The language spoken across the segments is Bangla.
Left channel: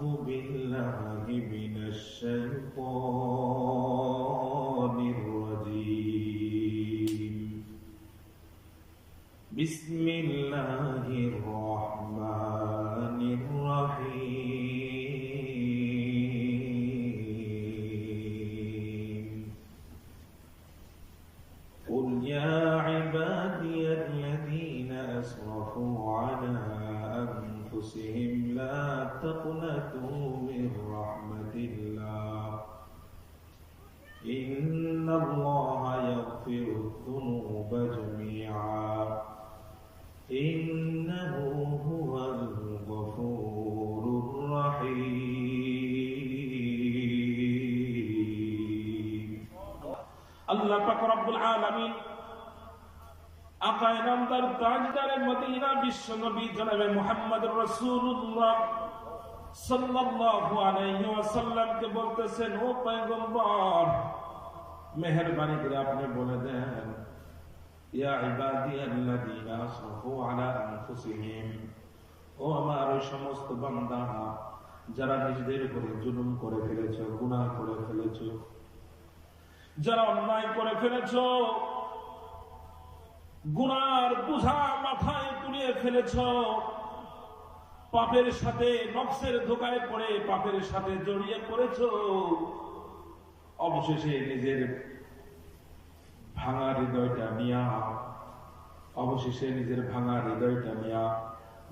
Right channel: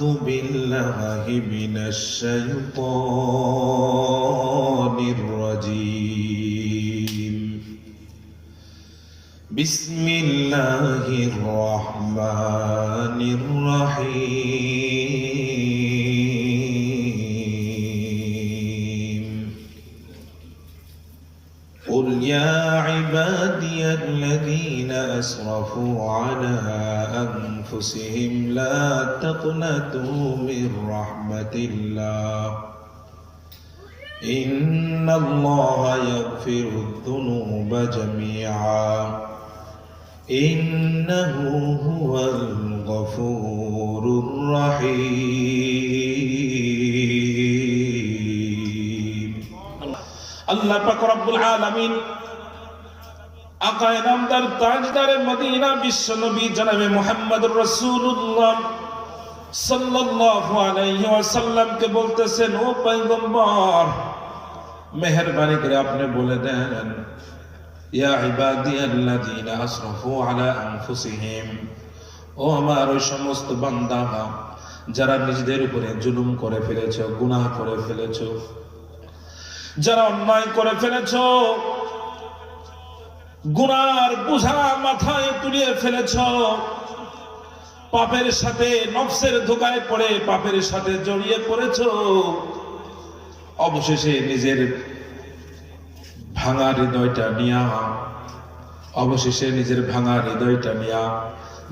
أعوذ بالله من الشيطان الرجيم بسم الله الرحمن الرحيم قل يا عبادي الذين أسرفوا على أنفسهم لا تقنطوا من رحمة الله إن الله يغفر الذنوب جميعا إنه هو الغفور الرحيم الله পাক রব্বুল আলামিন আকায়ে নামদার তাজদারে মদিনা বিশ্বনবী জনাবে মুহাম্মদুর রাসূলুল্লাহ সাল্লাল্লাহু আলাইহি ওয়াসাল্লামকে বলতেছেন, ও পয়গম্বর, মেহেরবানি করে আপনি বলে দেন, ইয়া ইবাদিয়াল্লাযীনা আসরাফু আলা আনফুসিহিম, ও আমার ওই সমস্ত বান্দা যারা নিজেদের উপরে জুলুম করে ফেলেছো, গুনাহ করে ফেলেছো, যারা অন্যায় করে ফেলেছো, গুনার বোঝা মাথায় তুলিয়ে ফেলেছো, পাপের সাথে নফসের ধোঁকায় পড়ে পাপের সাথে জড়িয়ে পড়েছো, অবশেষে নিজের ভাঙা হৃদয়টা নিয়া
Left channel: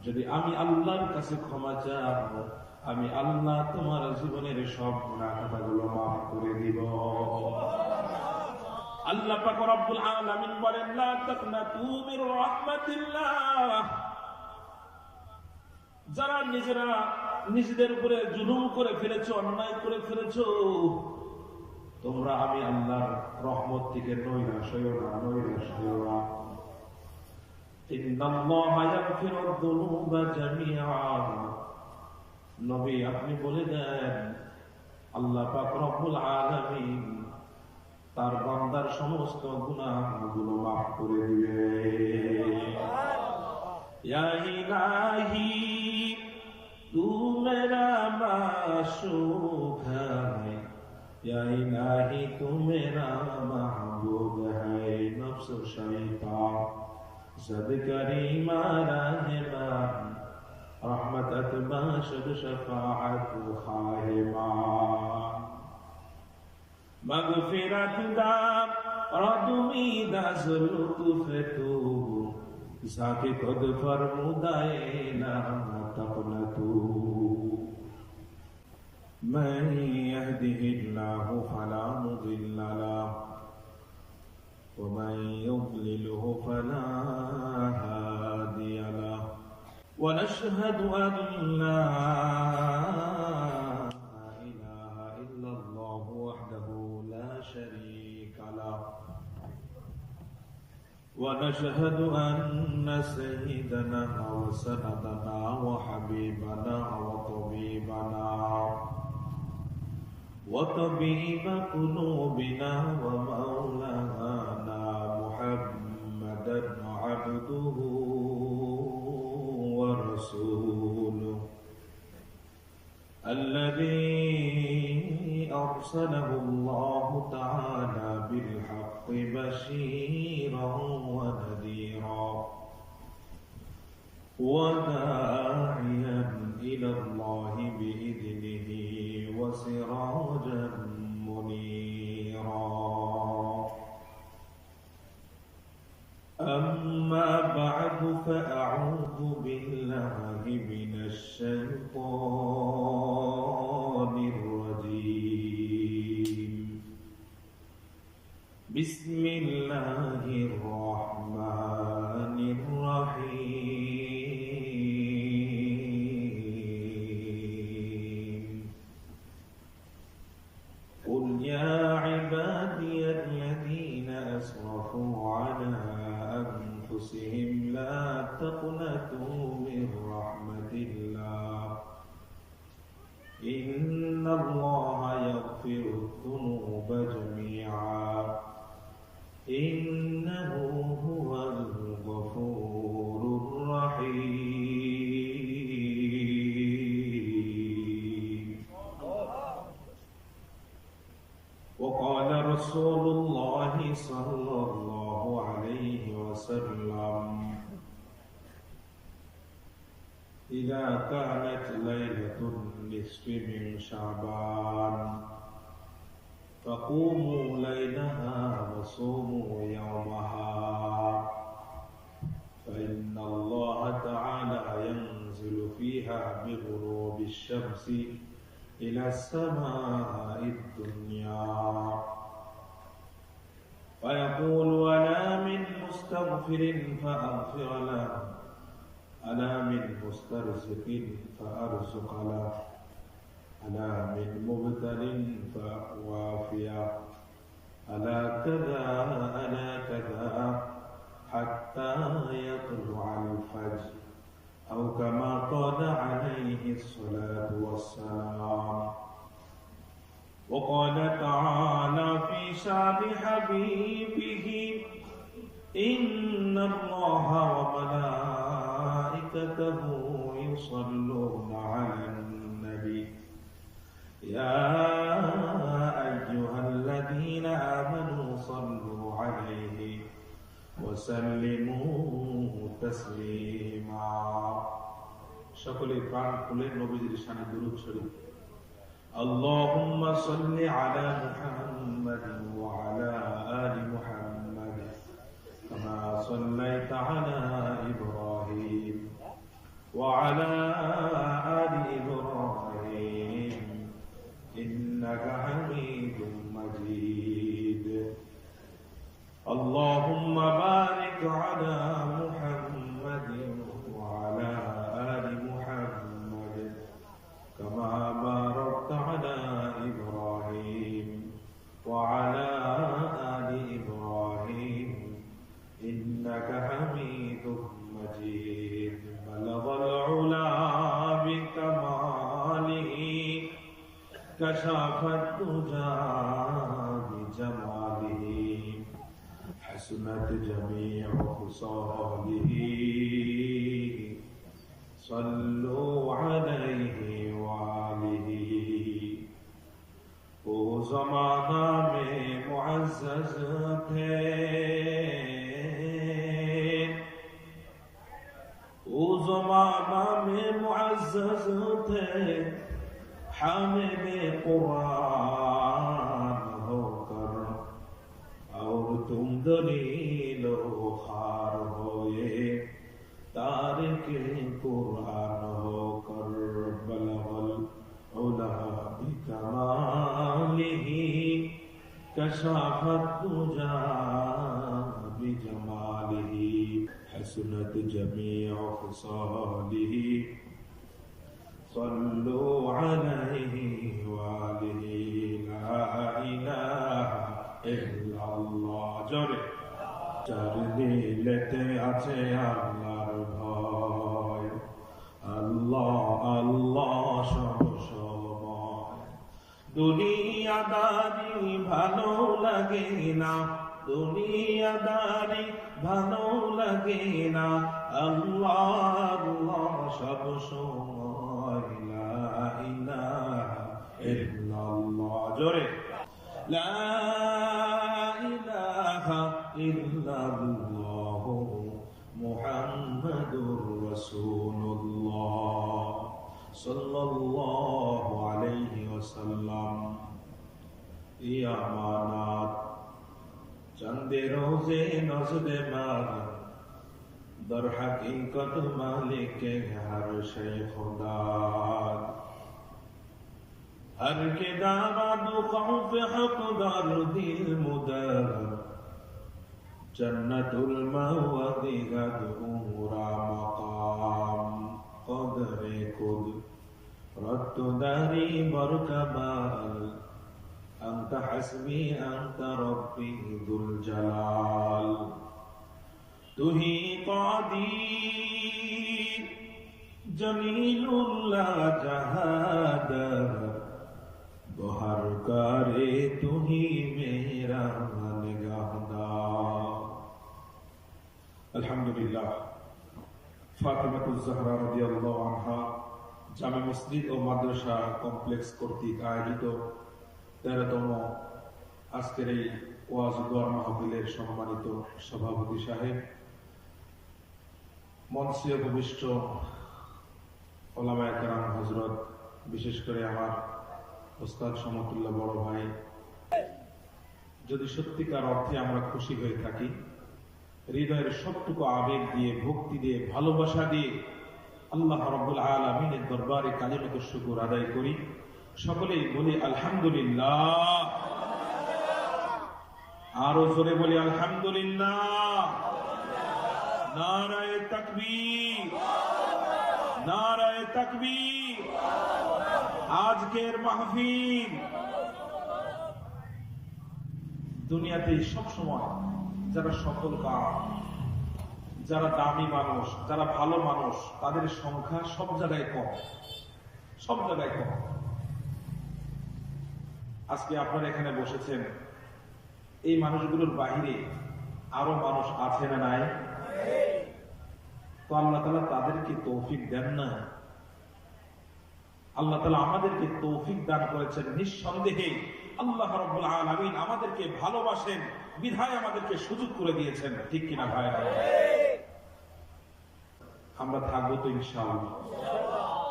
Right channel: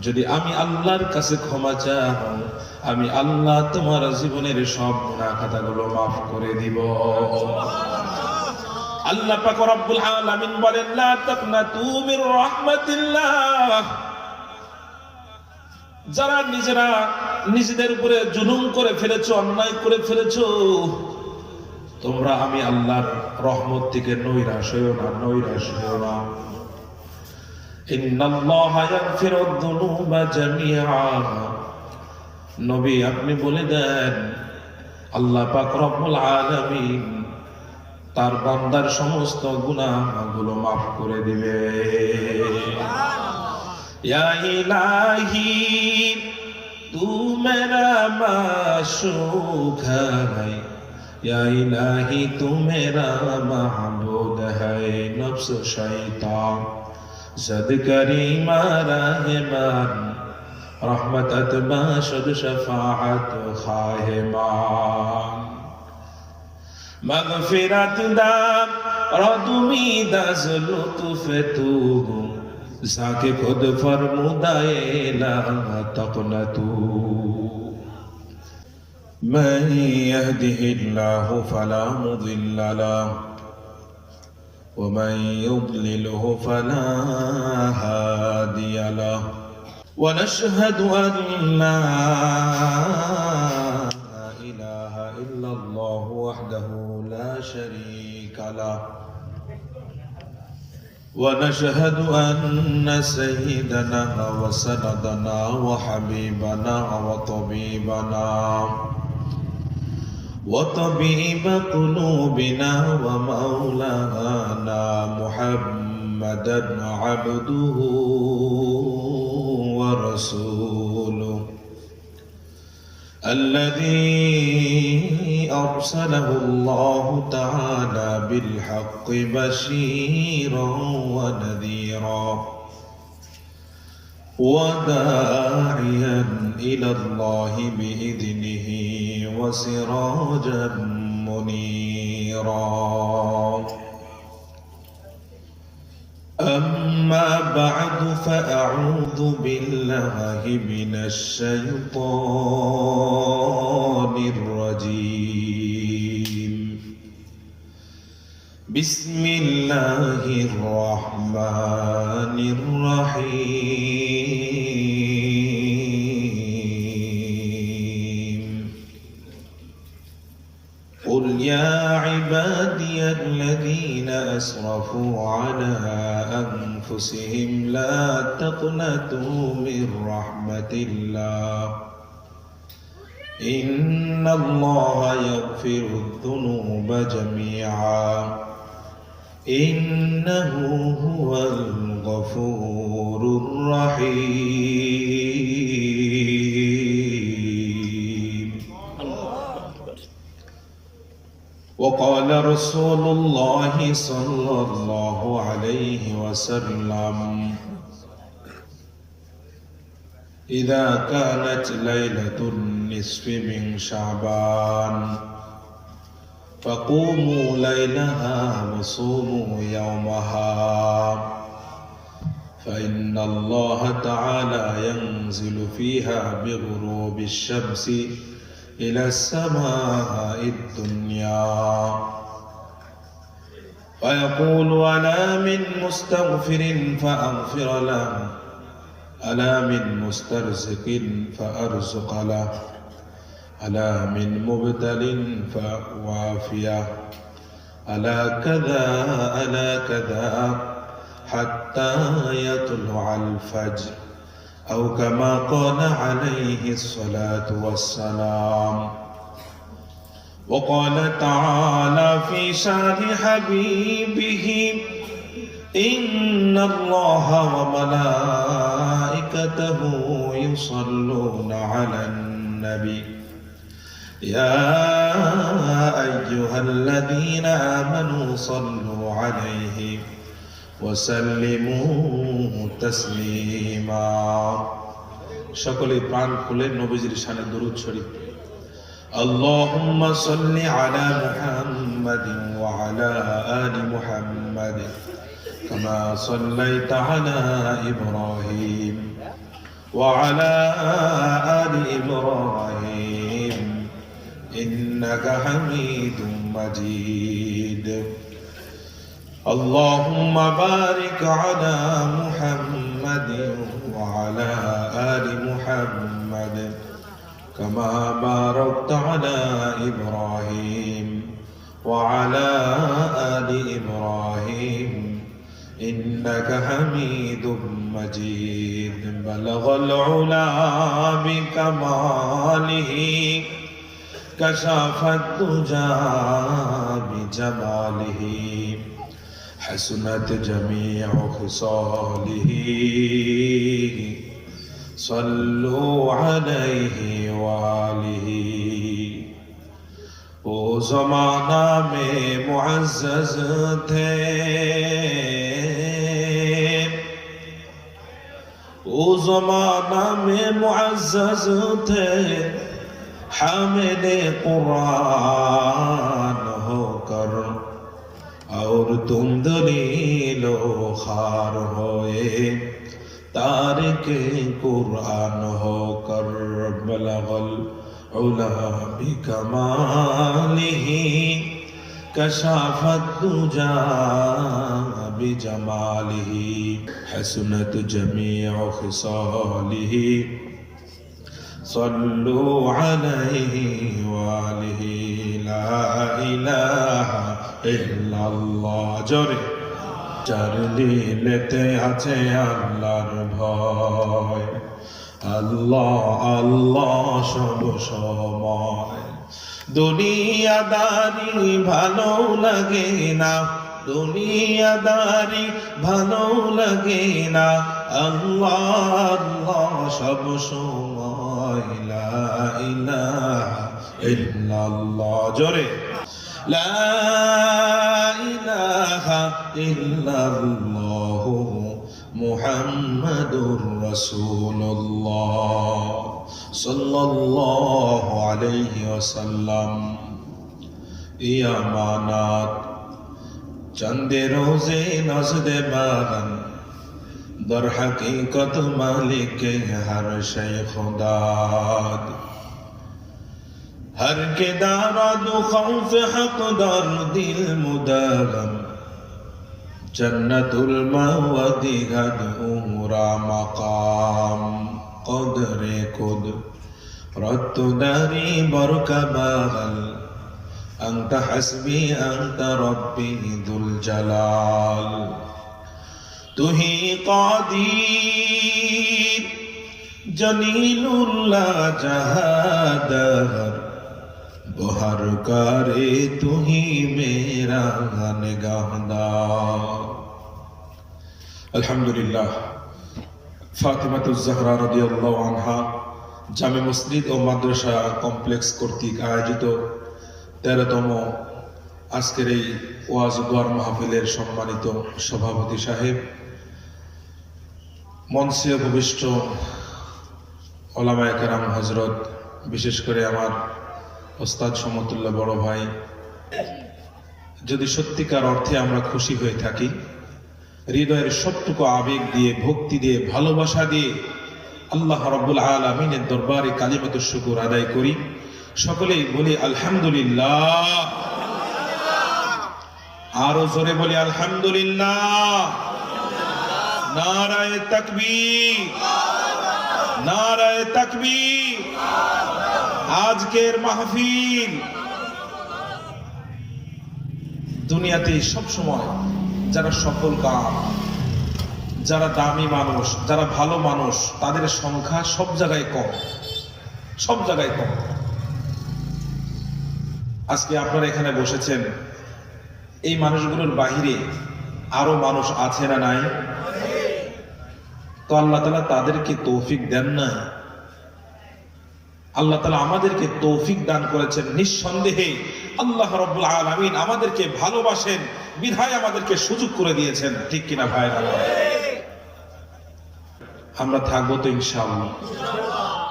যদি আমি আল্লাহর কাছে ক্ষমা চাও, আমি আল্লাহ তোমার জীবনের সব গুনাহ খাতাগুলো মাফ করে দিব। আল্লাহ পাক রব্বুল আলামিন বলেন, লা তাকনাতু মির রাহমাতিল্লাহ, যারা নিজেদের উপরে জুলুম করে ফেলেছো, অন্যায় করে ফেলেছো, তোমরা আমি আল্লাহর রহমত থেকে নৈরাশ হইও না। ইন্নাল্লাহা ইয়াগফিরুদ যুনুবা জামিআ, নবী আপনি বলে দেন, আল্লাহ পাক রব্বুল আলামিন তার বান্দার সমস্ত গুনাহগুলো মাফ করে দিবে। ইয়া ইলাহি তু মেরা মাশুক হ্যায়, या इलाही तू मेरा महबूद है, नफ्स शैतान जद करीमा रहमान, रहमत अतबाशद शफाअत खाहिमान, मगफिरत दा रदुमी दस लुत्फ तू, जाके खुद फरमुदाए ला तक़नतू। من يهده الله فلا مضل له ومن يضلله فلا هادي له، ونشهد أن لا إله إلا الله وحده لا شريك له، ونشهد أن سيدنا وسندنا وحبيبنا وطبيب قلوبنا ومولانا محمدا عبده ورسوله الذي أرسله الله تعالى بالحق بشيرا ونذيرا وداعيا إلى الله بإذنه وسراجا منيرا. أما بعد فأعوذ بالله من الشيطان الرجيم. بسم الله الرحمن الرحيم. قل يا عبادي الذين أسرفوا على أنفسهم لا تقنطوا من رحمة الله إن الله يغفر الذنوب جميعا إنه هو الغفور الرحيم. قال رسول الله صلى الله عليه وسلم إذا كانت ليلة النصف من شعبان فقوموا ليلها وصوموا يومها فإن الله تعالى ينزل فيها بغروب الشمس إلى السماء الدنيا فيقول ألا من مستغفر فأغفر له ألا من مسترزق فأرزق له ألا من مبتل فوافيه ألا كذا حتى يطلع الفجر أو كما قال عليه الصلاة والسلام. وقال تعالى في شان حبيبه إن الله وملائكته يصلون على النبي يا أيها الذين آمنوا صلوا عليه وسلموا تسليما. সকলে প্রাণ খুলে নবীজির শানে দরুদ শরীফ। اللهم صل على محمد وعلى آل محمد كما صليت على إبراهيم وعلى آل إبراهيم إنك حميد مجيد. اللهم بارك على محمد وعلى آل محمد كما باركت على إبراهيم وعلى آل إبراهيم إنك حميد مجيد. بلغ العلا بكماله كشف الدجى بجماله حسنت جميع خصاله صلوا عليه وآله. वो ज़माना में मुअज़्ज़ज़ थे वो ज़माना में मुअज़्ज़ज़ थे हामिले कुरान होकर और तुम दलीलो खार होए तारिके कुरान होकर बलगल उला बिकमालिही कशाफत दुजा बिजमालिही हसनत जमीअ खिसालिही सल्लु अलैहि वालिही ला इलाहा इल्लल्लाह। জোরে চার দিলেতে আছে আল্লাহর ভয় আল্লাহ আল্লাহ সব সময়। দুনিয়াদারি ভালো লাগে না দুনিয়াদারি ভালো লাগে না আল্লাহ আল্লাহ সব সময় লা ইলাহা ইল্লাল্লাহ। জোরে লা ইলাহা ইল্লাল্লাহ মুহাম্মাদুর রাসূলুল্লাহ সাল্লাল্লাহু আলাইহি ওয়াসাল্লাম। এই আমানাত চন্দে রোজে নজদে বাগান দর হकीकत मालिक हर शय खुदाद हर के दाराद खौफ हक दर दिल मुदागम जन्नतुल मवदी गद उमरा मकाम कदरे कुद रत्तु दारी बरका बागल अंत हस्बी अंत रब्बी दुल जलाल। तू ही कादीर जलीलुल्लाह जहादर बहर करे तू ही मेरा निगाहदार। अल्हम्दुलिल्लाह। ফাতিমাতুজ জাহরা রাদিয়াল্লাহু আনহা জামে মসজিদ ও মাদ্রাসা কমপ্লেক্স কর্তৃক আয়োজিত 13তম আজকের এই ওয়াজ দোয়ার মাহফিলের সম্মানিত সভাপতি সাহেব, মঞ্চে উপবিষ্ট ওলামায়ে কেরাম হযরত, বিশেষ করে আমার ওস্তাদ সমতুল্য বড় ভাই, যদি সত্যিকার অর্থে আমরা খুশি হয়ে থাকি, হৃদয়ের সবটুকু আবেগ দিয়ে, ভক্তি দিয়ে, ভালোবাসা দিয়ে আল্লাহ রাব্বুল আলামিনের দরবারে কালিমাতুশ শুকর আদায় করি। সকলেই বলি আলহামদুলিল্লাহ। আরো জোরে বলি আলহামদুলিল্লাহ। নারায়ে তাকবীর, নারায়ে তাকবীর। আজকের মাহফিল দুনিয়াতে সব সময় যারা সফল কাম, যারা দামি মানুষ, যারা ভালো মানুষ, তাদের সংখ্যা সব জায়গায় কম, সব জায়গায় কম। আজকে আপনারা এখানে বসেছেন, এই মানুষগুলোর বাহিরে আরো মানুষ আছে না নাই? তো আল্লাহ তাআলা তাদেরকে তৌফিক দেন না? আল্লাহ তাআলা আমাদেরকে তৌফিক দান করেছেন। নিঃসন্দেহে আল্লাহ রাব্বুল আলামিন আমাদেরকে ভালোবাসেন, বিধায় আমাদেরকে সুযোগ করে দিয়েছেন। ঠিক কিনা ভাই? আমরা থাকবো তো ইনশাআল্লাহ,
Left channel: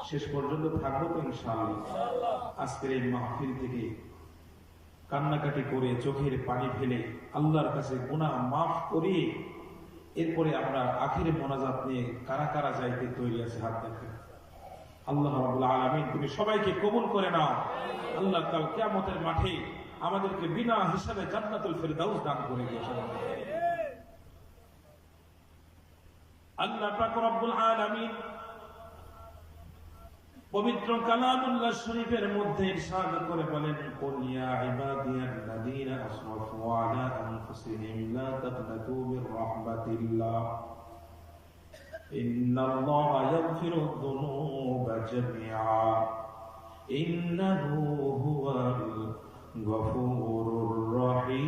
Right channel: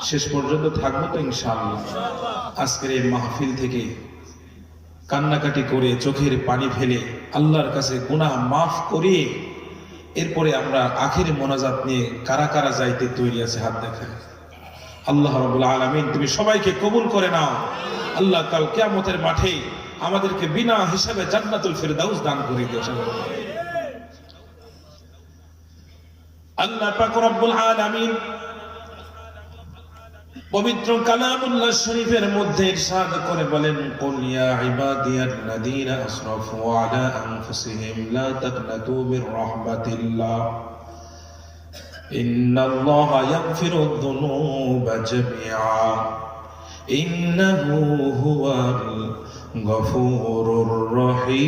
শেষ পর্যন্ত থাকবো তো ইনশাআল্লাহ। আজকের এই মাহফিল থেকে কান্নাকাটি করে, চোখের পানি ফেলে, আল্লাহর কাছে গুনাহ মাফ করিয়ে এরপরে আমরা আখির মোনাজাত নিয়ে কারা কারা যাইতে তৈরি আছে? হাত দেখায়। আল্লাহ রাব্বুল আলামিন তুমি সবাইকে কবুল করে নাও। আল্লাহ কাল কিয়ামতের মাঠে আমাদেরকে বিনা হিসাবে জান্নাতুল ফিরদাউস দান করে দিও। আল্লাহ পাক রব্বুল আলামিন পবিত্র কালামুল্লাহ শরীফের মধ্যে ইরশাদ করে বলেন, কুল ইয়া ইবাদিয়াল্লাযীনা আসরাফু আলা আনফুসিহিম লা তাকনাতু মির রাহমাতিল্লাহ ইন্নাল্লাহা ইয়াগফিরুয যুনুবা জামিআ ইন্নাহু হুয়াল গফুরুর রহিম।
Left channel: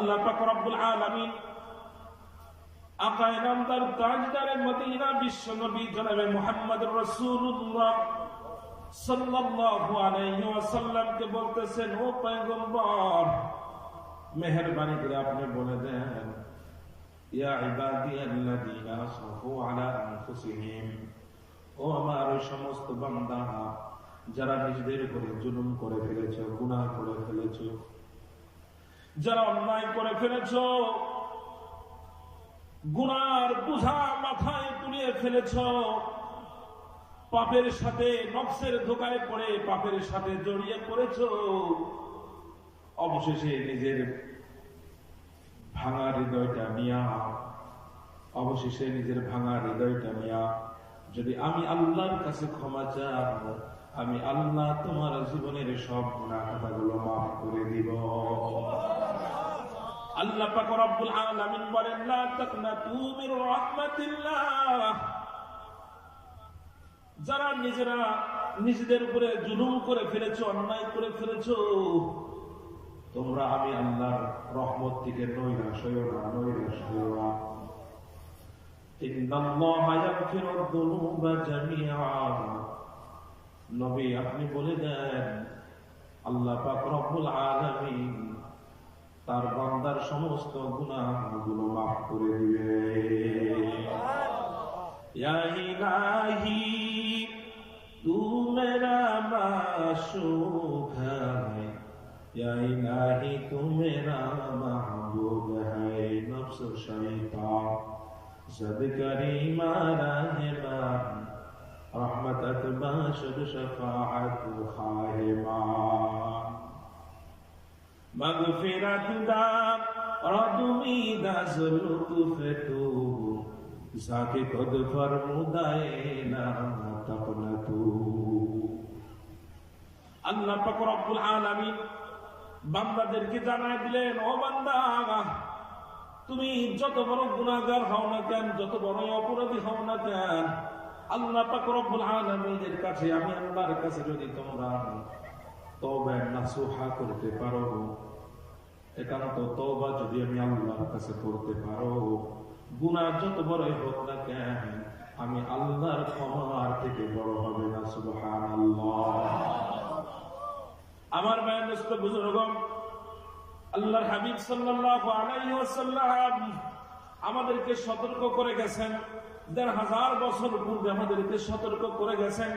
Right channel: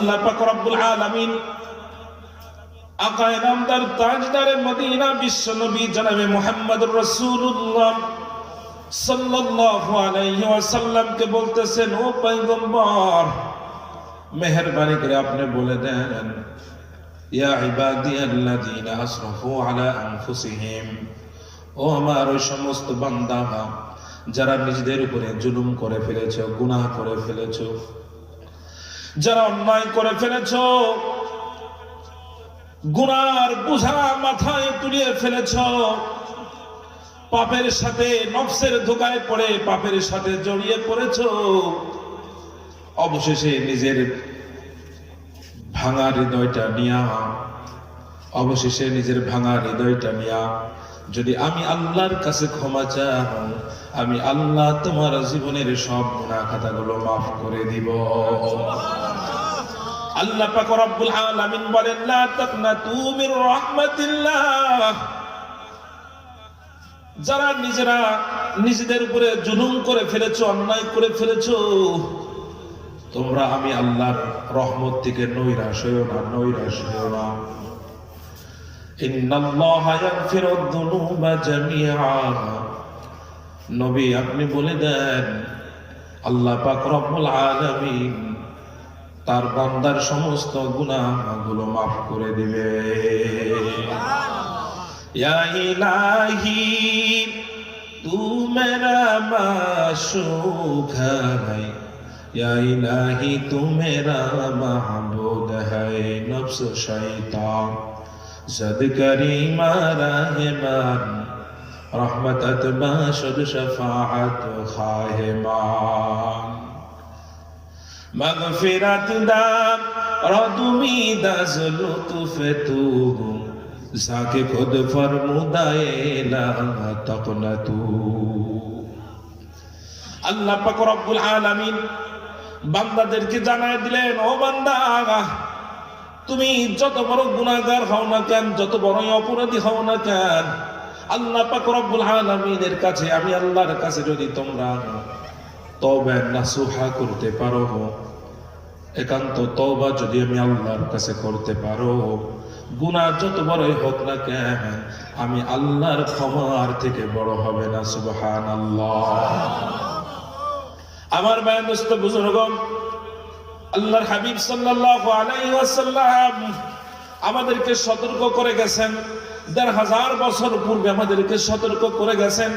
আল্লাহ পাক রব্বুল আলামিন আকায়ে নামদার তাজদারে মদিনা বিশ্বনবী জনাবে মুহাম্মদুর রাসূলুল্লাহ সাল্লাল্লাহু আলাইহি ওয়াসাল্লামকে বলতেছেন, ও পয়গম্বর, মেহেরবানি করে আপনি বলে দেন, ইয়া ইবাদিয়াল্লাযীনা আসরাফু আলা আনফুসিহিম, ও আমার ওই সমস্ত বান্দা যারা নিজেদের উপরে জুলুম করে ফেলেছো, গুনাহ করে ফেলেছো, যারা অন্যায় করে ফেলেছো, গুনার বোঝা মাথায় তুলিয়ে ফেলেছ, পাপের সাথে নফসের ধোঁকায় পড়ে পাপের সাথে জড়িয়ে পড়েছ, অবশেষে নিজের ভাঙা হৃদয়টা নিয়া, অবশেষে নিজের ভাঙা হৃদয়টা নিয়া যদি আমি আল্লাহর কাছে ক্ষমা চাও, আমি আল্লাহ তোমার জীবনের সব গুনাহ খাতাগুলো মাফ করে দিব। আল্লাহ পাক রব্বুল আলামিন বলেন, লা তাকনাতু মির রাহমাতিল্লাহ, যারা নিজেরা নিজেদের উপরে জুলুম করে ফেলেছো, অন্যায় করে ফেলেছো, তোমরা আমি আল্লাহর রহমত থেকে নৈরাশ হইও না, নৈরাশ হইও না। ইন্নাল্লাহা ইয়াগফিরুয যুনুবা জামিআ, নবী আপনি বলে দেন, আল্লাহ পাক রব্বুল আলামিন তার বান্দার সমস্ত গুনাহগুলো মাফ করে দিবে। ইয়া ইলাহি তু মেরা মাশুক হ্যায়, ইয়া ইলাহি তু মেরা মাহবুদ হ্যায়, নফস শয়তান জদ করিমা রাহমান, রহমত বাশুদ শফাআত খাহেমান, مغفرت دا ردمی دا زلطف تو ساکے خود فرمودائے لا تقنتو। আল্লাহ পাক রব্বুল আলামিন বান্দাদেরকে জানায় দিলেন, ও বান্দা, তুমি যত বড় গুনাহগার হও না কেন, যত বড় অপরাধী হও না কেন, আল্লাহ পাক রব্বুল আলামিনের কাছে, আমি আল্লাহর কাছে যদি তোমরা তওবা নাসুহা করতে পারো, একান্ত তওবা যদি আমি আল্লাহর কাছে করতে পারো, গুনাহ যত বড়ই হোক না কেন আমি আল্লাহর ক্ষমার থেকে বড় হবে না। সুবহানাল্লাহ। আমার ভাই দোস্ত বুজুর্গণ, আল্লাহর হাবিব সাল্লাল্লাহু আলাইহি ওয়াসাল্লাম আমাদেরকে সতর্ক করে গেছেন, ১৫০০ বছর পূর্বে আমাদেরকে সতর্ক করে গেছেন।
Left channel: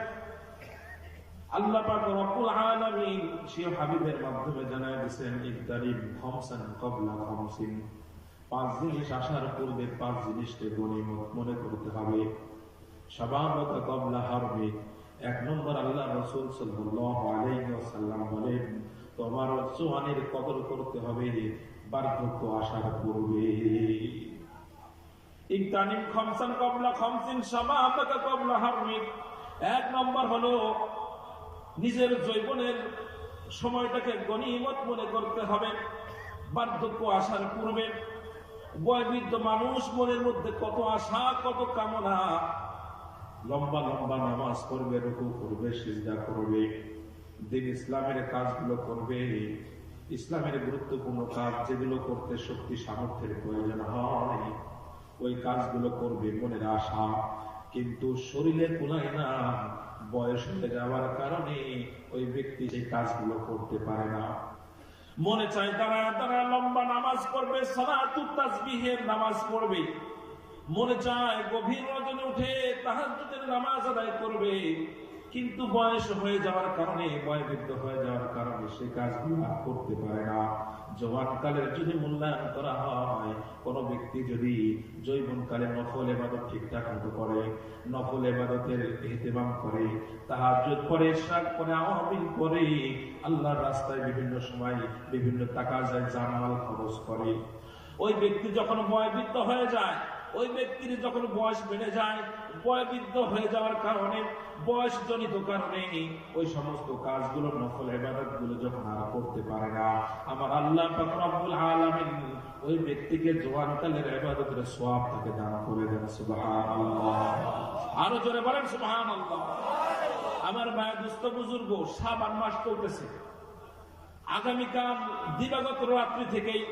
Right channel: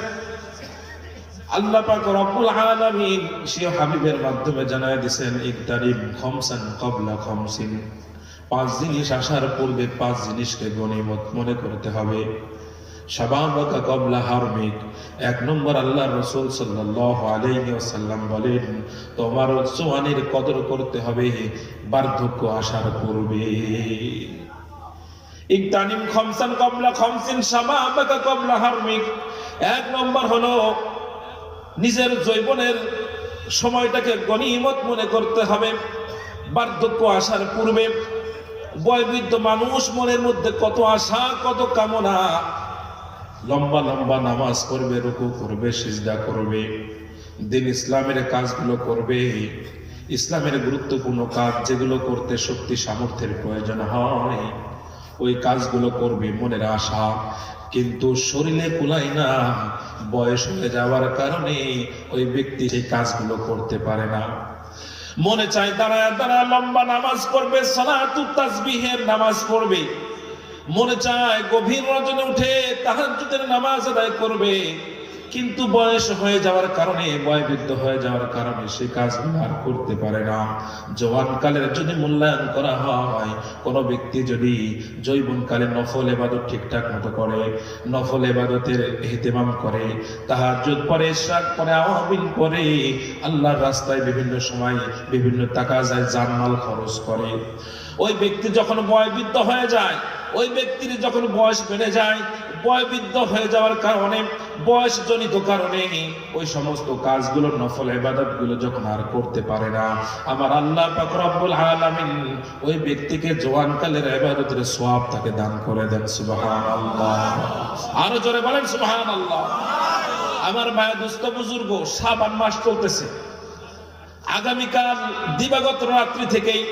আল্লাহ পাক রব্বুল আলামিন সেই হাবিবের মাধ্যমে জানায় দিয়েছেন, ইকতারিম খামসান ক্বাবলা খামসিন, 5 জিনিস আসার পূর্বে 5 জিনিসকে গনিমত মনে করতে হবে। শাবাবাকা ক্বাবলা হারমিক, 1 নম্বর আল্লাহর রাসূল সাল্লাল্লাহু আলাইহি ওয়াসাল্লাম বলেন, তোমার জওয়ানির কদর করতে হবে বার্ধক্য আসার পূর্বে। ইকতানিম খামসান ক্বাবলা খামসিন শাবাবাকা ক্বাবলা হারমিক, 1 নম্বর হলো নিজের যৌবনের সময়টাকে গনিমত মনে করতে হবে বার্ধক্য আসার পূর্বে। বয়োবৃদ্ধ মানুষ মনের মধ্যে কত আশা, কত কামনা, লম্বা লম্বা নামাজ পড়বে, রুকু করবে, সিজদা করবে, দিন ইসলামের কাজগুলো করবে, ইসলামের গুরুত্বপূর্ণ কাজ যেগুলো করতে শক্তি সামর্থ্যের প্রয়োজন হয় ওই কাজগুলো করবে, মনের আশা। কিন্তু শরীরে কুলায় না, বয়স হয়ে যাওয়ার কারণে ওই ব্যক্তি সেই কাজগুলো করতে পারে না। মনে চায় দাঁড়ায় দাঁড়ায় লম্বা নামাজ পড়বে, সালাতুত তাসবিহের নামাজ পড়বে, মনে চায় গভীর রজনী উঠে তাহাজ্জুদের নামাজ আদায় করবে, কিন্তু বয়স হয়ে যাওয়ার কারণে, বয়োবৃদ্ধ হয়ে যাওয়ার কারণে সেই কাজগুলো আর করতে পারে না। জওয়ানকালের যদি মূল্যায়ন করা হয়, কোনো ব্যক্তি যদি যৌবনকালে নফল ইবাদত ঠিকঠাক মতো করে, নফল ইবাদতের ইহতিমাম করে, তাহাজ্জুদ পড়ে, ইশরাক পড়ে, আওয়াবিল পড়ে, আল্লাহর রাস্তায় বিভিন্ন সময় বিভিন্ন টাকা যায়, জানমাল খরচ করে, ওই ব্যক্তি যখন বয়োবৃদ্ধ হয়ে যায়, ওই ব্যক্তির যখন বয়স বেড়ে যায়, বয়োবৃদ্ধ হয়ে যাওয়ার কারণে, বয়সজনিত কারণে ওই সমস্ত কাজগুলো, নফল ইবাদতগুলো যখন আর করতে পারে না, আমার আল্লাহ পাক রব্বুল আলামিন ওই ব্যক্তিকে জওয়ানকালের ইবাদতের সওয়াব তাকে দান করে দেন। সুবহানাল্লাহ। আরো জোরে বলেন সুবহানাল্লাহ। আমার ভাই দোস্ত বুজুর্গ, শাবান মাস চলতেছে। আগামীকাল দিবাগত রাত্রি থেকেই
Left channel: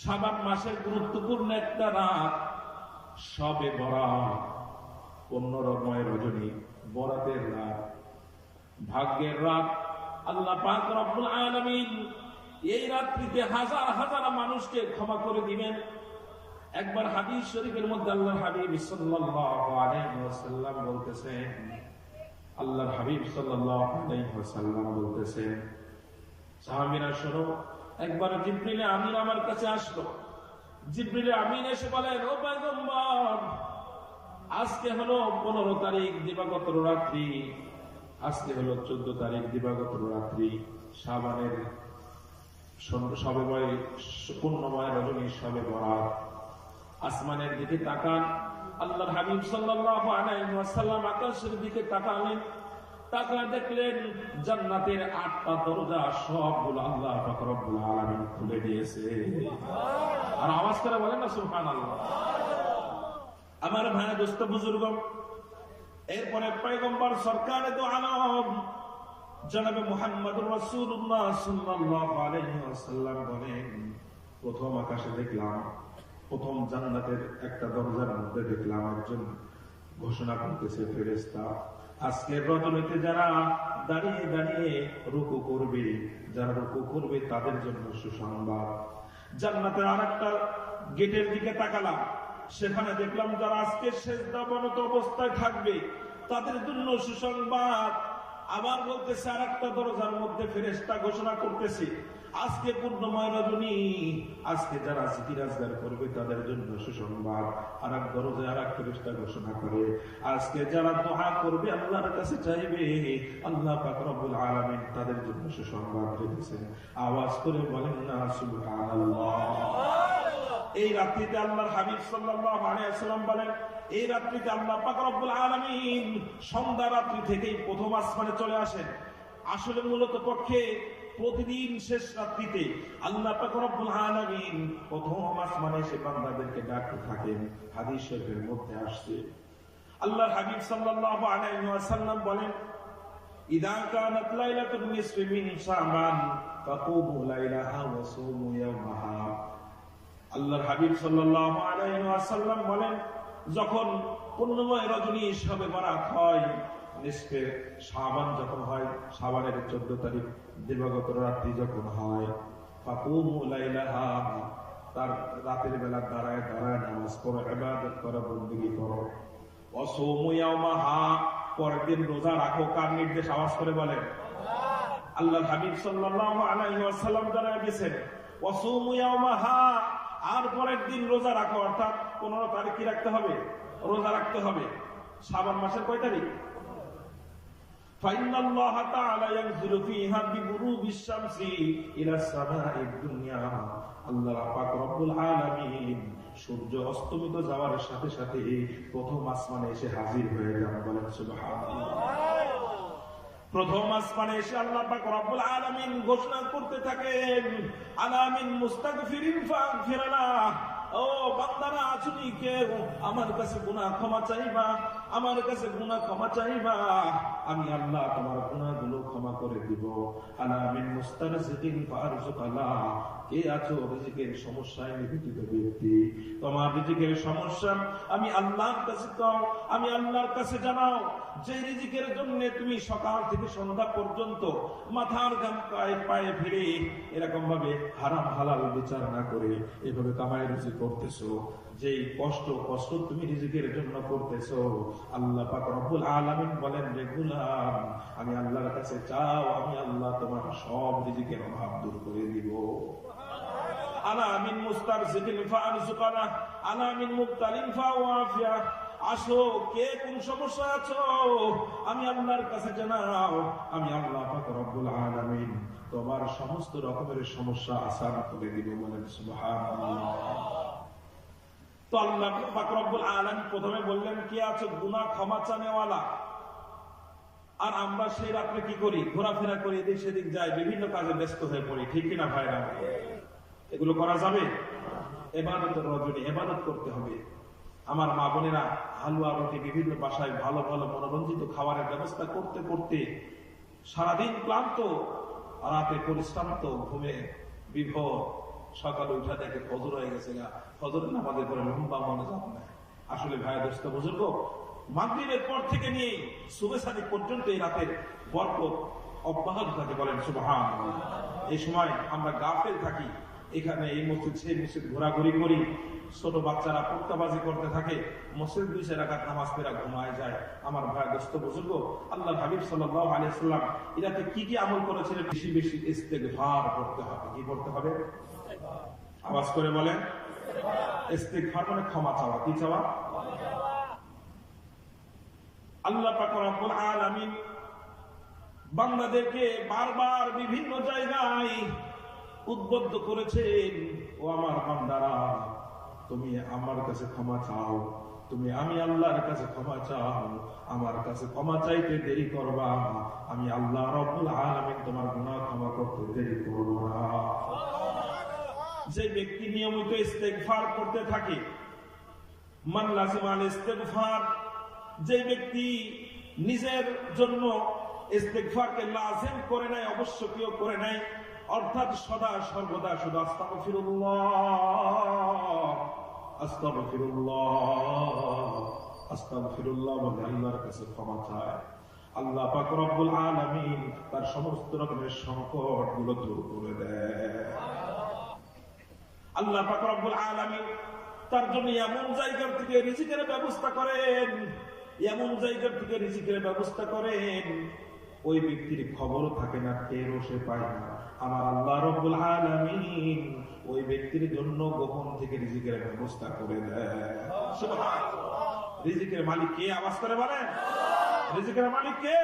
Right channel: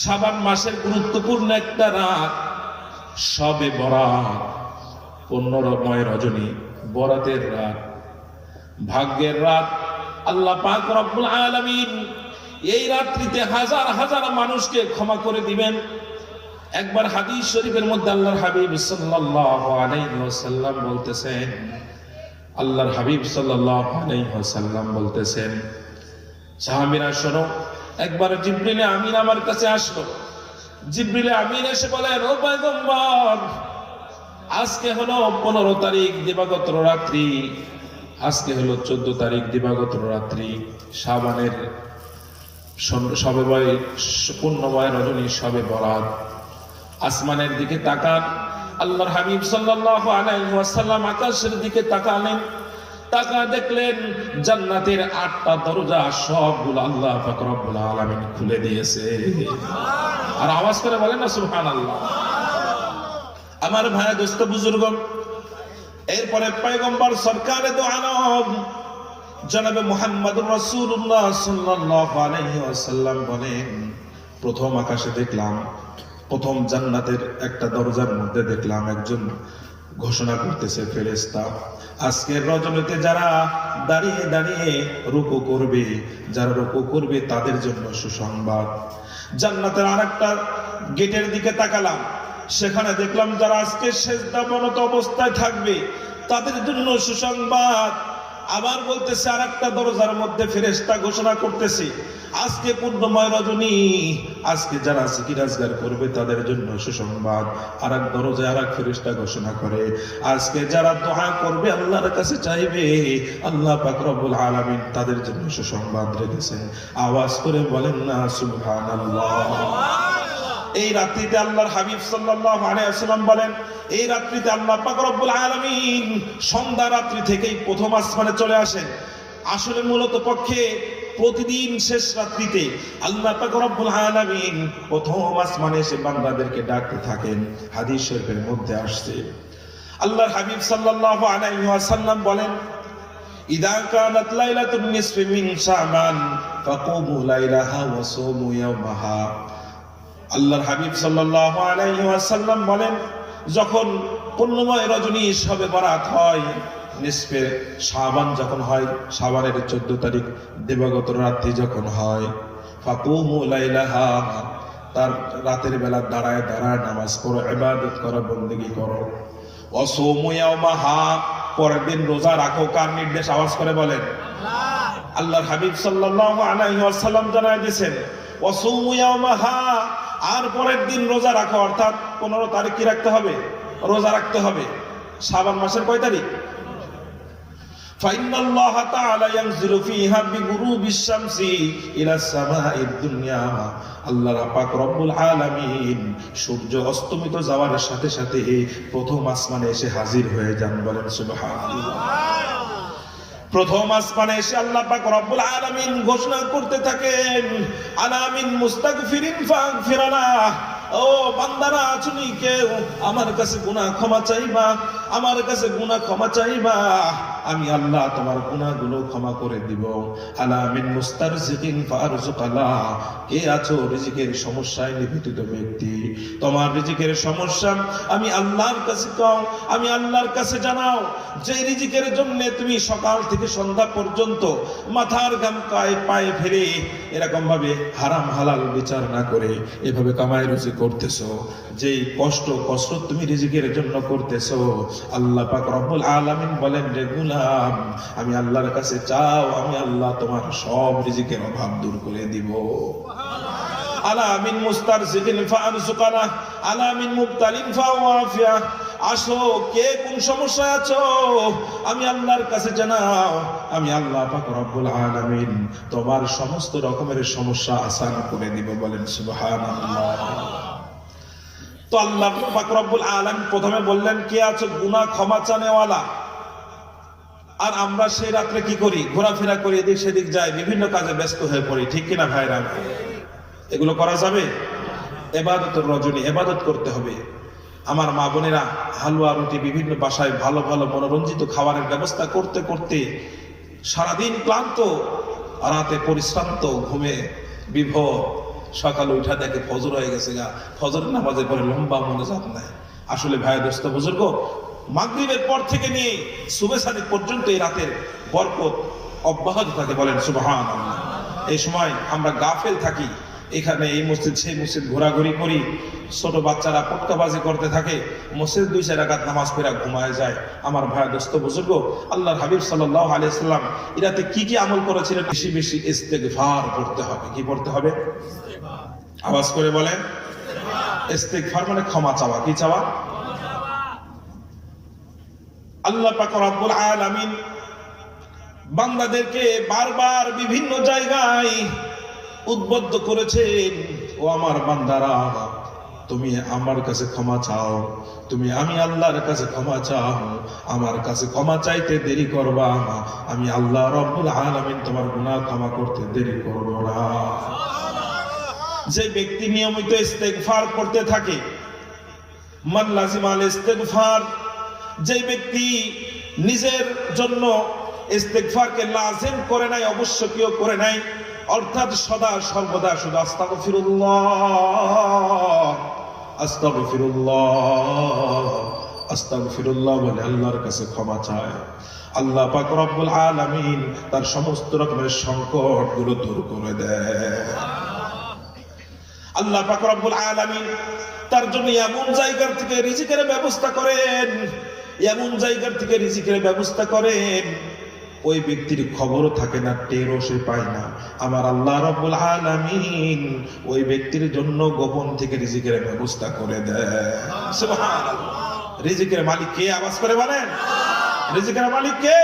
শাবান মাসের গুরুত্বপূর্ণ একটা রাত শবে বরাত, 15ময় রজনী, বরাতের রাত, ভাগ্যের রাত। আল্লাহ পাক রব্বুল আলামিন এই রাত্রিতে হাজার হাজার মানুষকে ক্ষমা করে দিবেন। একবার হাদিস শরীফের মধ্যে আল্লাহর হাবিব সাল্লাল্লাহু আলাইহি ওয়াসাল্লাম বলতেছেন, আল্লাহর হাবিব সাল্লাল্লাহু আলাইহি ওয়াসাল্লাম বলতেছেন, সাহাবীরা শোনো, একবার জিবরিল আমিন আমার কাছে আসলো। জিবরিল আমিন এসে বলেন, ও পয়গম্বর, আজকে হলো 15 তারিখ দিবাগত রাত্রি, আজকে হলো 14 তারিখ দিবাগত রাত্রি, শাবানের পূর্ণময় রজনী শবে বরাত। আসমানের দিকে তাকান। আল্লাহর হাবিব সাল্লাল্লাহু আলাইহি ওয়াসাল্লাম আকাশের দিকে তাকালেন, তাকা দেখলেন জান্নাতের 8টা দরজা সবগুলো আল্লাহ পাক রব্বুল আলামিন খুলে দিয়েছে। আর আওয়াজ করে বলেন না সুবহানাল্লাহ। আমার ভাই দোস্ত বুজুর্গ, এরপরে পয়গম্বর সরকারে দো আলম জনাবে মুহাম্মদুর রাসূলুল্লাহ সাল্লাল্লাহু আলাইহি ওয়াসাল্লাম বলেন, প্রথম আকাশে দেখলাম, প্রথম জান্নাতের একটা দরজার মধ্যে দেখলাম একজন ঘোষণা করতেছে, ফেরেশতা, আজকের রজনীতে যারা দাঁড়িয়ে দাঁড়িয়ে রুকু করবে, যারা রুকু করবে তাদের জন্য সুসংবাদ। জান্নাতের আরেকটা গেটের দিকে তাকালাম, সেখানে দেখলাম যারা আজকে সেজদাবনত অবস্থায় থাকবে তাদের জন্য সুসংবাদ। আবার বলতেছে আরেকটা দরজার মধ্যে ফেরেশতা ঘোষণা করতেছে, আজকে পূর্ণময় রজনী, আজকে যারা জিকির আজগার করবে তাদের জন্য সুসংবাদ। আরেক দরজায় আরেক ফেরেশতা ঘোষণা করে, আজকে যারা দোয়া করবে, আল্লাহর কাছে চাইবে, আল্লাহ পাক রব্বুল আলামিন তাদের জন্য সুসংবাদ রেখেছেন। আওয়াজ করে বলেন না সুবহানাল্লাহ। এই রাত্রিতে আল্লাহর হাবিব সাল্লাল্লাহু আলাইহি ওয়াসাল্লাম বলেন, এই রাত্রিতে আল্লাহ পাক রব্বুল আলামিন সন্ধ্যা রাত্রি থেকেই প্রথম আসমানে চলে আসেন। আসলে মূলত পক্ষে প্রতিদিন শেষ রাত্রিতে আল্লাহ পাক রব্বুল আলামিন প্রথম আসমানে এসে বান্দাদেরকে ডাকতে থাকেন। হাদিস শরীফের মধ্যে আসছে, আল্লাহর হাবিব সাল্লাল্লাহু আলাইহি ওয়াসাল্লাম বলেন, ইদা কানাত লাইলাতুন নিসফি মিন শাবান ফাকুমু লাইলাহা ওয়া সুমু ইয়াওমাহা। আল্লাহর হাবিব সাল্লাল্লাহু আলাইহি ওয়াসাল্লাম বলেন, যখন পূর্ণময় রজনী শবে বরাত হয়, নিসফে শাবান যখন হয়, শাবানের 14 তারিখ দিবাগত রাত্রি যখন হয়, ফাকুমু লাইলাহা, তার রাতের বেলা দাঁড়ায় দাঁড়ায় নামাজ পড়ো, ইবাদত করো, বন্দেগী করো। ওয়াসুমু ইয়াওমাহা, পরের দিন রোজা রাখো। কার নির্দেশ? আওয়াজ করে বলেন। আল্লাহর হাবিব সাল্লাল্লাহু আলাইহি ওয়াসাল্লাম জানায় দিয়েছেন, ওয়াসুমু ইয়াওমাহা, আর পরের দিন রোজা রাখো। অর্থাৎ 15 তারিখ কি রাখতে হবে? রোজা রাখতে হবে। শাবান মাসের কয় তারিখ? ফাইনাল্লাহা তাআলা ইয়ানজিলু ফিহা বিগুরুবিশ শামসি ইলা সামাঈদ দুনিয়া, আল্লাহ পাক রব্বুল আলামিন সূর্য অস্তমিত যাওয়ার সাথে সাথে প্রথম আসমানে এসে হাজির হয়ে যান। বলেন সুবহানাল্লাহ। প্রথম আসমানে এসে আল্লাহ পাক রব্বুল আলামিন ঘোষণা করতে থাকেন, আলামিন মুস্তাগফিরিন ফাগফিরানা, ও বান্দারা আছুনি কেউ আমার কাছে গুনাহ ক্ষমা চাইবা, আমার কাছে গুনাহ ক্ষমা চাইবা, আমি আল্লাহ তোমার গুনাহগুলো ক্ষমা করে দিব। আলামিন মুস্তারজিকিন ফারজুকালা, কে আছো রিজিকের সমস্যায় নিবেদিত ব্যক্তি, তোমার রিজিকের সমস্যা আমি আল্লাহর কাছে কও, আমি আল্লাহর কাছে জানাও। যে রিজিকের জন্য তুমি সকাল থেকে সন্ধ্যা পর্যন্ত মাথার ঘাম পায়ে ফেলে এরকম ভাবে হারাম হালাল বিচার না করে এভাবে কামাই রুজি করতেছো, যেই কষ্ট তুমি রিজিকের জন্য করতেছো, আল্লাহ পাক রব্বুল আলামিন বলেন, রে গোলাম, আমি আল্লাহর কাছে চাও, আমি আল্লাহ তোমার সব রিজিকের অভাব দূর করে দিব। আলামিন মুস্তারজিকিন ফারজুকানা, আলামিন মুবতালিন ফাওয়াফিয়া, আসো কে কোন সমস্যায় আছো আমি আল্লাহর কাছে জানাও, আমি আল্লাহ পাক রব্বুল আলামিন তোমার সমস্ত রকমের সমস্যা আসান করে দিব। বলেন সুবহানাল্লাহ। তো আল্লাহ পাক রব্বুল আলামিন প্রথমে বললেন, কে আছো গুনাহ ক্ষমা চানেওয়ালা। আর আমরা সেই রাত্রে কি করি? ঘোরাফেরা করি, এদিক সেদিক যাই, বিভিন্ন কাজে ব্যস্ত হয়ে পড়ি, ঠিক কিনা ভাইরা? এগুলো করা যাবে? ইবাদতের রজনী, ইবাদত করতে হবে। আমার মা বোনেরা হালুয়া রুটি বিভিন্ন বাসায় ভালো ভালো মনোরঞ্জিত খাবারের ব্যবস্থা করতে করতে সারাদিন ক্লান্ত, রাতে পরিশ্রান্ত, ঘুমে বিভোর, সকালে উঠা দেখে ফজর হয়ে গেছে গা, ফজর নামাজের পরে লম্বা মোনাজাত নাই। আসলে ভাই দোস্ত বুজুর্গ, মাগরিবের পর থেকে নিয়ে সুবহ সাদিক পর্যন্ত এই রাতের বরকত অব্যাহত থাকে। বলেন সুবহানাল্লাহ। এই সময় আমরা গাফেল থাকি, এখানে এই মসজিদ সেই মসজিদ ঘোরাঘুরি করি, ছোট বাচ্চারা পটকাবাজি করতে থাকে, মসজিদ 2-4 রাকাত নামাজ পড়ে ঘুমায় যায়। আমার ভাই দোস্ত বুজুর্গ, আল্লাহর হাবিব সাল্লাল্লাহু আলাইহি সাল্লাম এরাতে কি কি আমল করেছিলেন? বেশি বেশি ইস্তেগফার করতে হবে। কি পড়তে হবে? আওয়াজ করে বলেন। ইস্তেগফার মানে ক্ষমা চাওয়া। কি চাওয়া? আল্লাহ পাক রব্বুল আলামিন বান্দাদেরকে বারবার বিভিন্ন জায়গায় উদ্বুদ্ধ করেছেন, ও আমার বান্দারা, তুমি আমার কাছে ক্ষমা চাও, আমি আল্লাহর কাছে ক্ষমা চাও, আমার কাছে ক্ষমা চাইতে দেরি করবা, আমি আল্লাহ রব্বুল আলামিন তোমার গুনাহ ক্ষমা করতে দেরি করব না। যে ব্যক্তি নিয়মিত ইস্তেগফার করতে থাকে, মান লাজিমাল ইস্তেগফার, যে ব্যক্তি নিজের জন্য ইস্তেগফারকে লাজিম করে নাই, অবশ্যকীয় করে নাই, অর্থাৎ সদা সর্বদা শুধু আস্তাগফিরুল্লাহ আস্তাগফিরুল্লাহ আস্তাগফিরুল্লাহ বলে আল্লাহর কাছে ক্ষমা চায়, আল্লাহ পাক রব্বুল আলামিন তার সমস্ত রকমের সংকট গুলো দূর করে দেয়। আল্লাহ পাক রব্বুল আলামিন তার জন্য এমন জায়গার থেকে রিজিকের ব্যবস্থা করেন, এমন জায়গার থেকে রিজিকের ব্যবস্থা করেন, ওই ব্যক্তির খবরও থাকে না, টেরও সে পায় না। আমার আল্লাহ রব্বুল আলামিন ওই ব্যক্তির জন্য গোপন থেকে রিজিকের ব্যবস্থা করে দেয়। সুবহানাল্লাহ। রিজিকের মালিক কে? আওয়াজ করে বলেন। রিজিকের মালিক কে?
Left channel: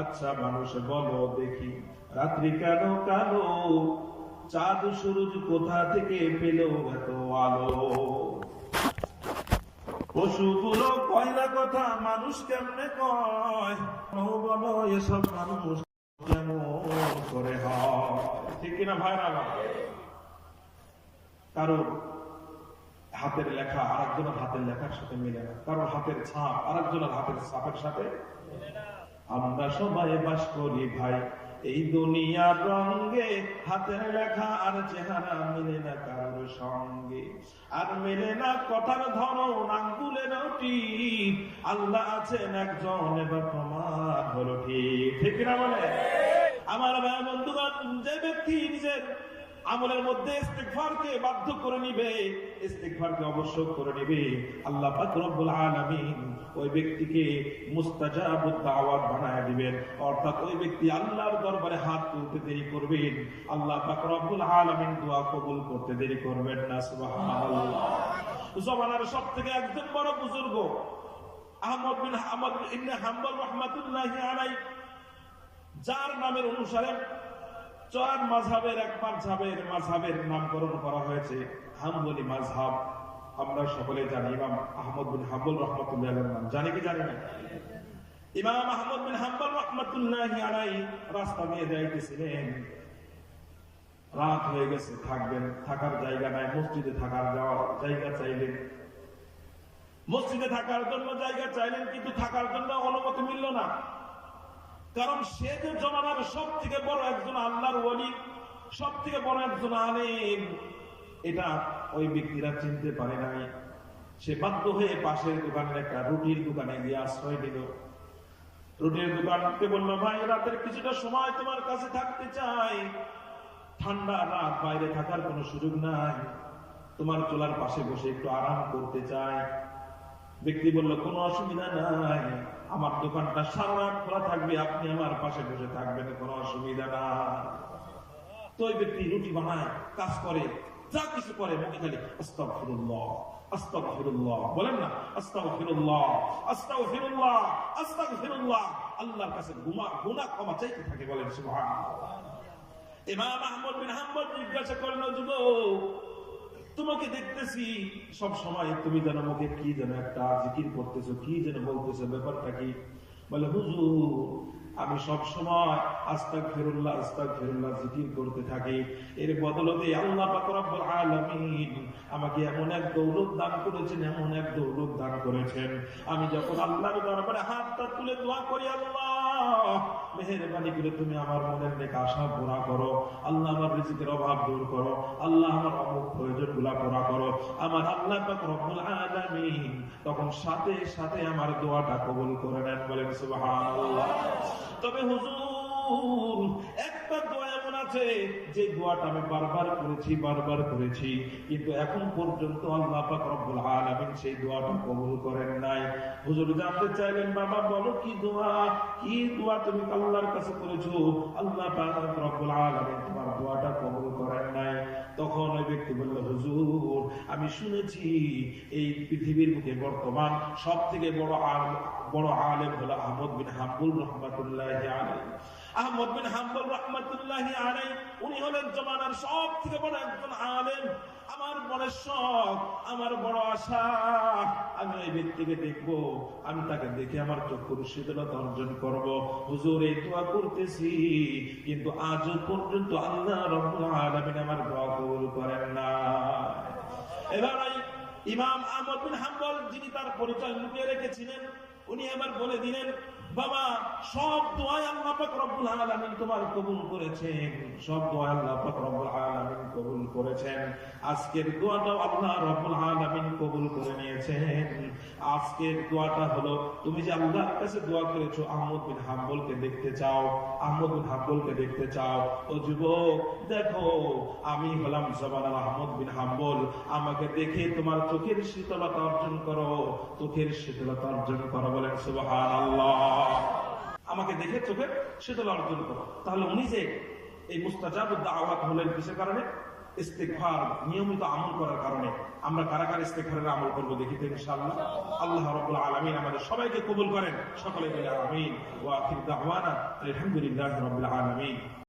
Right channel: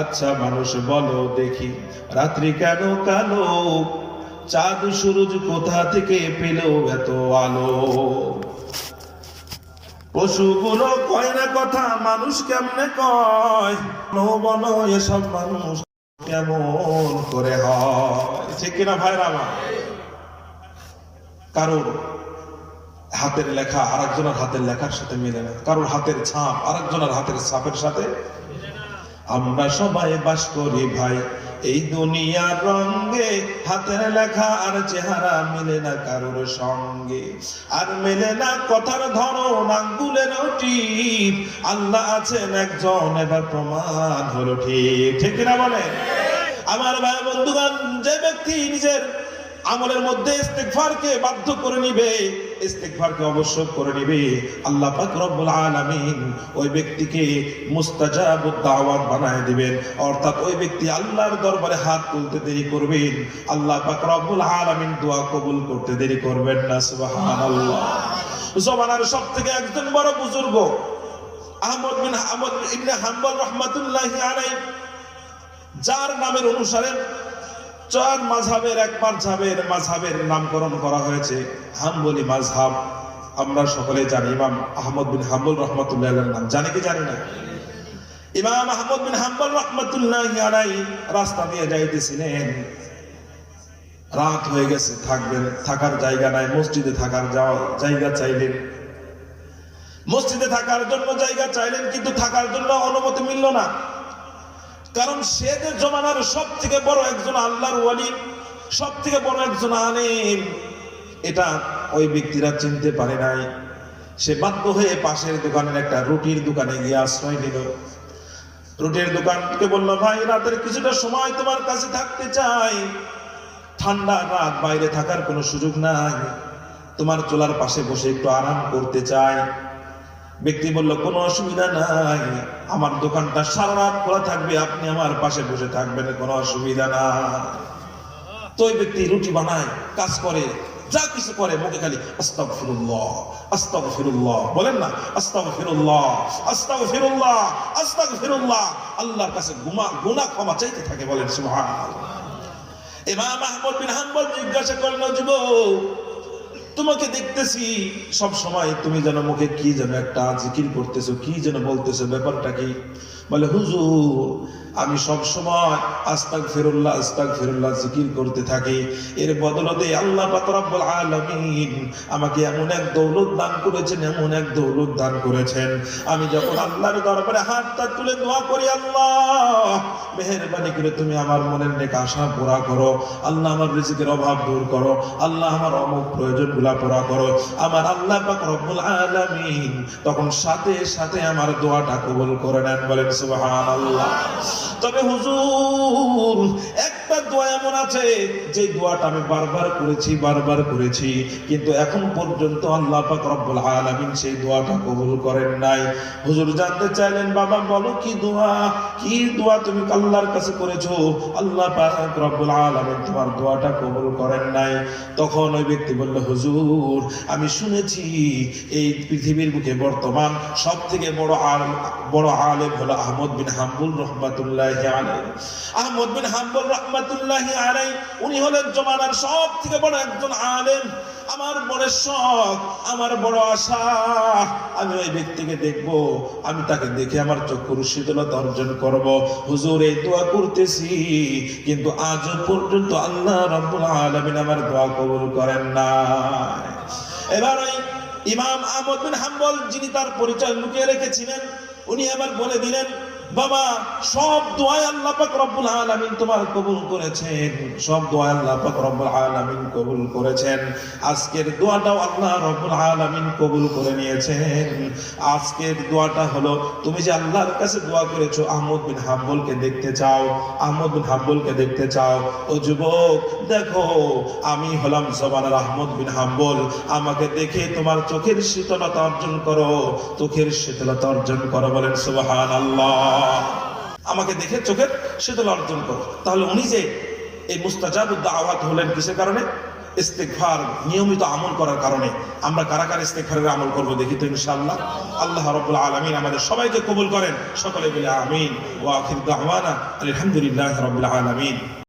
আচ্ছা মানুষ বলো দেখি, রাত্রি কেন কালো, চাঁদ সূরজ কোথা থেকে পেল এত আলো? পশুগুলো কয় না কথা, মানুষ কেমনে কয়? বলো এসব মানুষ কেমন করে হয়? ঠিক কিনা ভাইরা আমার? কারোর হাতের লেখা আরেকজনের হাতের লেখার সাথে মিলে না, কারোর হাতের ছাপ আরেকজনের হাতের ছাপের সাথে। আমরা সবাই বাস করি ভাই এই দুনিয়ার রঙে, হাতের লেখা আর চেহারা মিলে না কারোর সঙ্গে, আর মেলে না কথার ধরন আঙ্গুলের টিপ। আল্লাহ আছেন একজন, এবার প্রমাণ হলো ঠিক, ঠিক কিনা বলেন? আমার ভাই বন্ধুগণ, যে ব্যক্তি নিজের আমলের মধ্যে ইস্তিগফারকে বাধ্য করে নিবে, ইস্তিগফারকে আবশ্যক করে নিবে, আল্লাহ পাক রব্বুল আলামিন ওই ব্যক্তিকে মুস্তাজাবুদ দাওয়াত বানায় দিবেন। অর্থাৎ ওই ব্যক্তি আল্লাহর দরবারে হাত তুলতে দেরি করবেন, আল্লাহ পাক রব্বুল আলামিন দোয়া কবুল করতে দেরি করবেন না। সুবহানাল্লাহ। জমানার সবথেকে একজন বড় বুজুর্গ আহমদ ইবনে হাম্বল রাহমাতুল্লাহি আলাইহি, যার নামের অনুসারে চার মাযহাবের এক মাযহাবের নামকরণ করা হয়েছে হাম্বলি মাযহাব। আমরা সকলে জানি ইমাম আহমদ বিন হাম্বল রাহমাতুল্লাহি আলাইহির নাম, জানি কি জানি না? ইমাম আহমদ বিন হাম্বল রাহমাতুল্লাহি আলাইহি রাস্তা দিয়ে যাইতেছিলেন, রাত হয়ে গেছে, থাকার জায়গা নাই, মসজিদে থাকার জায়গা চাইলেন, মসজিদে থাকার জন্য জায়গা চাইলেন, কিন্তু থাকার জন্য অনুমতি মিলল না। কারণ সে যে জমানার সব থেকে বড় একজন আল্লাহর ওয়ালি, সব থেকে বড় একজন আলেম, এটা ওই ব্যক্তিরা চিনতে পারে নাই। সে বাধ্য হয়ে পাশের দোকানের একটা রুটির দোকানে গিয়ে আশ্রয় নিল। রুটির দোকানকে বলল, ভাই রাতের কিছুটা সময় তোমার কাছে থাকতে চাই, ঠান্ডা রাত, বাইরে থাকার কোনো সুযোগ নাই, তোমার চুলার পাশে বসে একটু আরাম করতে চাই। ব্যক্তি বলল, কোনো অসুবিধা নাই, আমার দোকানটা সারা রাত খোলা থাকবে, আপনি আমার পাশে বসে থাকবেন, কোনো অসুবিধা না। তো ওই ব্যক্তি রুটি বানায়, কাজ করে, যা কিছু করে, মুখে খালি আস্তাগফিরুল্লাহ আস্তাগফিরুল্লাহ বলেন না, আস্তাগফিরুল্লাহ আস্তাগফিরুল্লাহ আস্তাগফিরুল্লাহ, আল্লাহর কাছে গুনাহ ক্ষমা চাইতে থাকে, বলেন সুবহানাল্লাহ। ইমাম আহমদ বিন হাম্বল জিজ্ঞাসা করলেন, যুবক, তোমাকে দেখতেছি সব সময় তুমি যেন মুখে কি যেন একটা জিকির করতেছো, কি যেন বলতেছো, ব্যাপারটা কি? বলে, হুজুর, আমি সব সময় আস্তাগফিরুল্লাহ জিকির করতে থাকি, এর বদলতে আল্লাহ পাক রব্বুল আলামিন আমাকে এমন এক দৌলত দান করেছেন, আমি যখন আল্লাহর দরবারে হাতটা তুলে দোয়া করি, আল্লাহ মেহেরবানি করে তুমি আমার মনের নেক আশা পুরা করো, আল্লাহ আমার রিজিকের অভাব দূর করো, আল্লাহ আমার অমুক প্রয়োজনগুলা পুরা করো, আমার আল্লাহ পাক রব্বুল আলামিন তখন সাথে সাথে আমার দোয়াটা কবুল করে নেন, বলেন সুবহানাল্লাহ। তবে হুজুর, একটা দোয়া এমন আছে যে দোয়াটা আমি বারবার করেছি, কিন্তু এখন পর্যন্ত আল্লাহ পাক রব্বুল আলামিন সেই দোয়াটা কবুল করেন নাই। হুজুর জানতে চাইলেন, বাবা বলো কি দোয়া তুমি আল্লাহর কাছে করেছো, আল্লাহ পাক রব্বুল আলামিন তোমার দোয়াটা কবুল করেন নাই। তখন ওই ব্যক্তি বলল, হুজুর, আমি শুনেছি এই পৃথিবীর বুকে বর্তমান সব থেকে বড় আলেম হলো আহমদ বিন হাম্বল রাহমাতুল্লাহি আলাইহি। আহমদ বিন হাম্বল রাহমাতুল্লাহি আলাইহি উনি হলেন জমানার সব থেকে বড় একজন আলেম। আমার বড় শখ, আমার বড় আশা, আমি ওই ব্যক্তিকে দেখব, আমি তাকে দেখে আমার চক্ষুর শীতলতা অর্জন করব। হুজুর, এই দোয়া করতেছি, কিন্তু আজও পর্যন্ত আল্লাহ রাব্বুল আলামিন আমার দোয়া কবুল করেন না। এবার ওই ইমাম আহমদ বিন হাম্বল, যিনি তার পরিচয় লুকিয়ে রেখেছিলেন, উনি আবার বলে দিলেন, বাবা, সব দোয়া আল্লাহ পাক রব্বুল আলামিন তোমার কবুল করেছেন, সব দোয়া আল্লাহ পাক রব্বুল আলামিন কবুল করেছেন। আজকের দোয়াটাও আল্লাহ রব্বুল আলামিন কবুল করে নিয়েছেন। আজকের দোয়াটা হলো, তুমি যে আল্লাহর কাছে দোয়া করেছো আহমদ বিন হাম্বলকে দেখতে চাও, ও যুবক, দেখো আমি হলাম জমানার আহমদ বিন হাম্বল, আমাকে দেখে তোমার চোখের শীতলতা অর্জন করো, বলেন সুবহানাল্লাহ। আমাকে দেখে চোখের শীতল অর্জন করো। তাহলে উনি যে এই মুস্তাজাবুদ দাওয়াত হলেন কিসের কারণে? ইস্তিগফার নিয়মিত আমল করার কারণে। আমরা কারা কারা ইস্তিগফারের আমল করব দেখি তো ইনশাআল্লাহ। আল্লাহ রাব্বুল আলামিন আমাদের সবাইকে কবুল করেন। সকলে বলে আমিন। ওয়া আখির দাওয়ানা আলহামদুলিল্লাহি রাব্বিল আলামিন।